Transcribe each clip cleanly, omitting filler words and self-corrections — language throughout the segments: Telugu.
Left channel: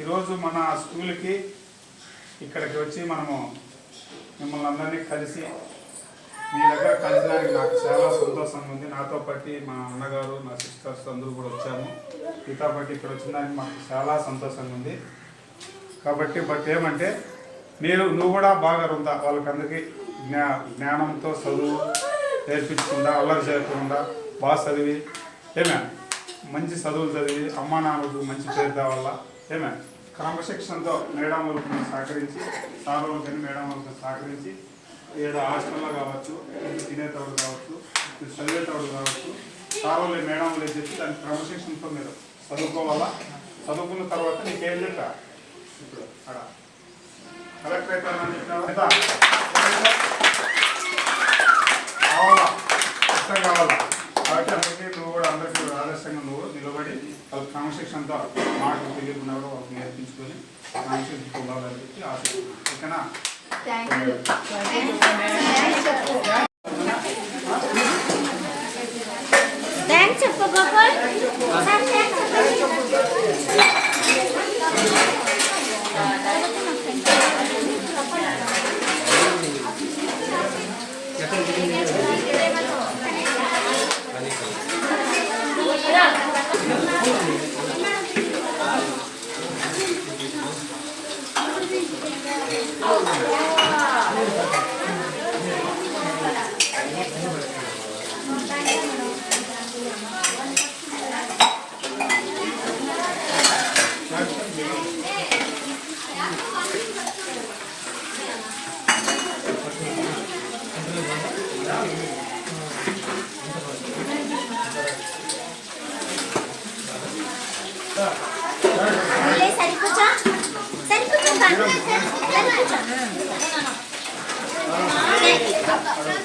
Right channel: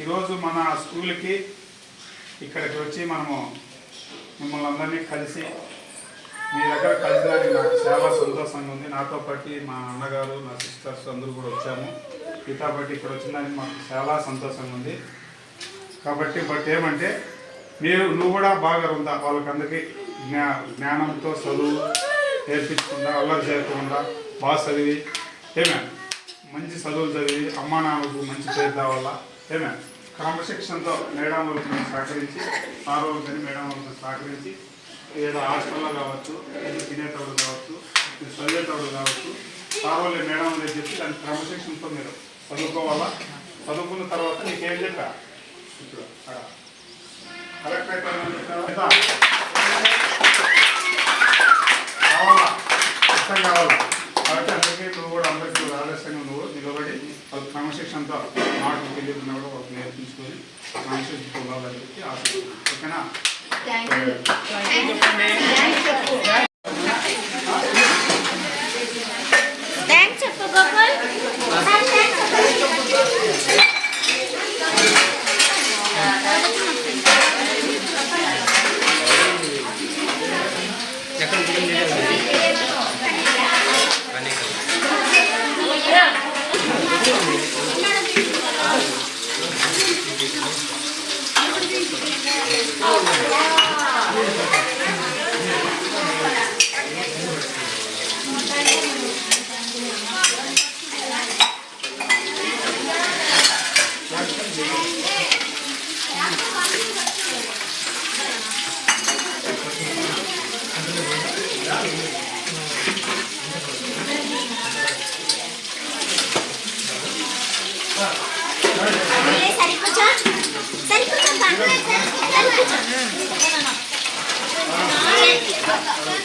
ఈరోజు మన స్కూల్కి ఇక్కడికి వచ్చి మనము మిమ్మల్ని అందరినీ కలిసి మీ దగ్గర కలిసినానికి నాకు చాలా సంతోషంగా ఉంది. నాతో పాటు మా అన్నగారు నా సిస్టర్స్ అందరూ కూడా వచ్చాము. మీతో పాటు ఇక్కడ వచ్చినానికి మాకు చాలా సంతోషంగా ఉంది. కాబట్టి ఏమంటే నువ్వు కూడా బాగా ఉందా వాళ్ళకందరికీ జ్ఞానంతో చదువు నేర్పించకుండా అల్లరి చేయకుండా బాగా చదివి మంచి చదువులు చదివి అమ్మా నాన్నకు మంచి పేరు రావాలా క్రమశిక్షణతో మేడం వాళ్ళకి సహకరించి సార్ వాళ్ళు కానీ మేడం వాళ్ళకి సహకరించి ఏదో హాస్టల్లో కావచ్చు తినేటప్పుడు కావచ్చు చదివేటప్పుడు కావచ్చు సార్ వాళ్ళు మేడం వాళ్ళు చెప్పి దాని క్రమశిక్షణతో మీరు చదువుకోవాలా. చదువుకున్న తర్వాత నీకేం చెప్పా ఇప్పుడు అక్కడ కలెక్టర్ అవుతానని కావాలా ఇష్టం కావాలా. కాబట్టి అందరికీ నువ్వు కూడా అందరికీ ఆదర్శంగా నువ్వు నిలబడి వాళ్ళ క్రమశిక్షణతో మాటలు తెలియకుండా కూడా వాళ్ళకి నేర్పించుకొని క్రమశిక్షణ ఉండాలని చెప్పి ఆశిస్తున్నాను. ఓకేనా?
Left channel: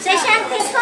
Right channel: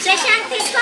ప్రశాంత్ తీసుకో.